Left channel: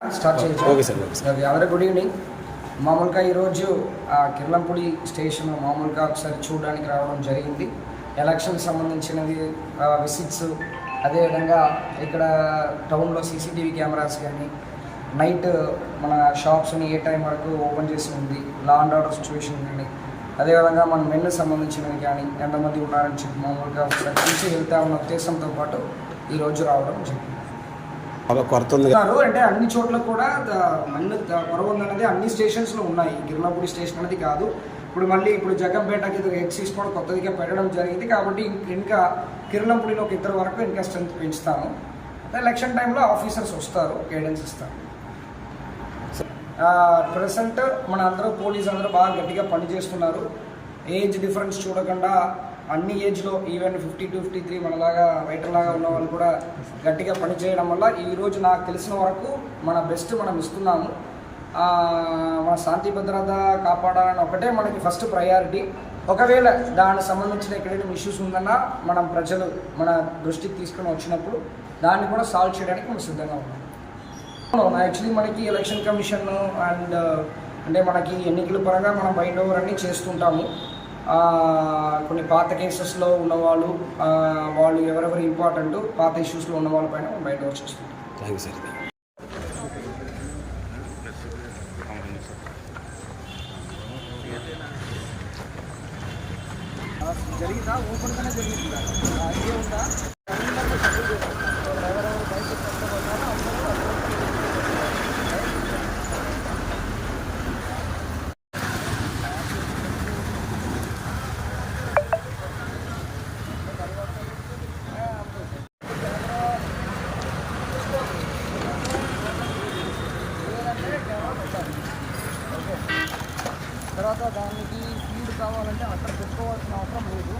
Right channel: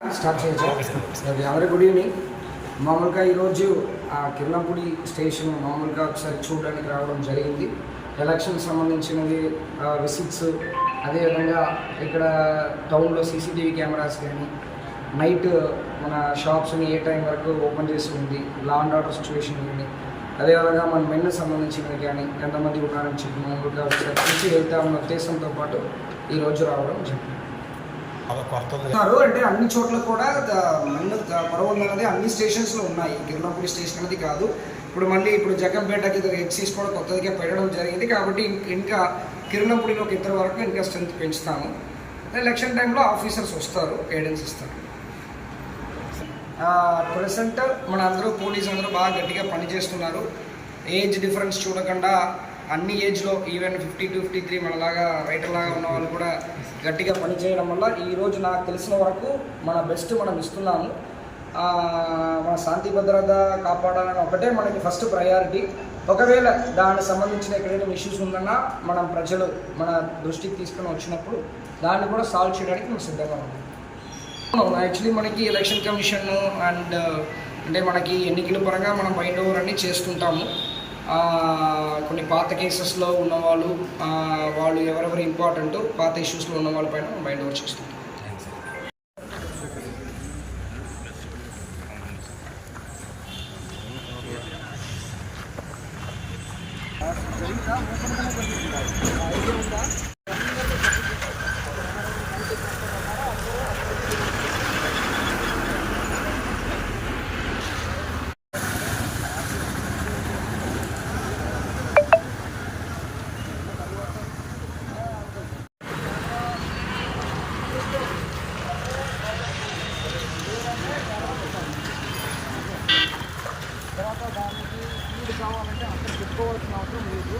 Start చేయొచ్చు. అందరికీ good evening. మామూలుగా ఈరోజు కిర్లంపూడి స్టేషన్ మామూలుగా ఒకసారి చూడడానికి రావడం జరిగింది. ఎలక్షన్ సంబంధించినవి విజిట్స్, అదేవిధంగా ఇక్కడ టౌన్లో సీసీటీవీ కెమెరాస్ కానీ, నైట్ మన షాప్స్ని ఏ టైం వరకు ఓపెన్ చేసి ఉంది, లా అండ్ ఆర్డర్ సిచ్యువేషన్ కానీ, అదేవిధంగా మన మెన్ను సంబంధించినవి కానీ ఎంతమంది ఉన్నారని చెప్పి మామూలుగా ఒకసారి చూసి వెళ్తామన్న ఉద్దేశంతో పాటు ఈరోజు రావడం జరిగింది. అంటే అన్ని చోట్ల కూడా మన్ను పరవ ఉన్నది అన్ని స్టేషన్స్లో ఉన్నాయి. కిర్లంపూడి స్టేషన్ అనేది కాదు. ఇప్పుడు జగంపేటకి ఎక్సీస్ కూడా కొత్తదిగా పెట్టడం జరిగింది. కాబట్టి ఇంకా కిర్లంపూడిలో ఒక ఇద్దరు వరకు ఇంకా స్ట్రెంత్ పెంచుతాము. ఎలక్షన్ టైంలో ఆఫీసర్స్ వస్తారు, గైడెన్స్ ఇస్తారు. ప్రెసెంట్ మన అందరూ పోలీసు అందరూ బాగా గట్టిగా పనిచేస్తున్నారు. ఏజ్ డిఫరెన్స్ చూడకుండా అన్ని ఏజ్లో ఈవెన్ 50 to 53 మనలాగా రైటర్లాగా ఉన్న వాళ్ళు కూడా గట్టిగా పనిచేయడం వల్ల ఈరోజు నాకు తెలిసిన వరకు మన బెస్ట్ మనం ఇస్తున్నాము. మన శాంతి భద్రత కాపాడాలని ఒకటే మనకి ఫస్ట్ ప్రయారిటీ. ఒకవేళ దానికి సంబంధించిన ఎక్కడైనా ఇష్యూస్ ఉందన్నా మనం ప్రజలు మన దృష్టికి తీసుకొని వచ్చినప్పుడు దాన్ని కూడా సాల్వ్ చేయడానికి మనం సిద్ధంగా ఉన్నాం. యాక్చువల్లీ మనకి ఎలక్షన్ కమిషన్ అండ్ అంటే మనకి ఎన్నికల పరంగా మనం బైండ్ ఓవర్ అన్నీ చేస్తుంటాము. కొన్ని పాత కేసెస్లో ఉన్నవాళ్ళు వాళ్ళు ఎవరెవరు ఇంపార్టెంట్ పాత ఇష్యూస్లో ఉన్న వాళ్ళపైన మైండ్ ఓవర్ చేస్తుంది. జరిగిందా ఓపెన్గానే జరిగింది. ఐడియా ఉందా? అందరినీ సపోర్ట్ చేసేస్తాను. ఎవరెవరు బయట కష్టపడ్డారో అందరూ తర్వాత దానికి ఫీడ్ కావాలంటే అక్కడ పెట్టుకోవాల్సిన అవసరం లేదు.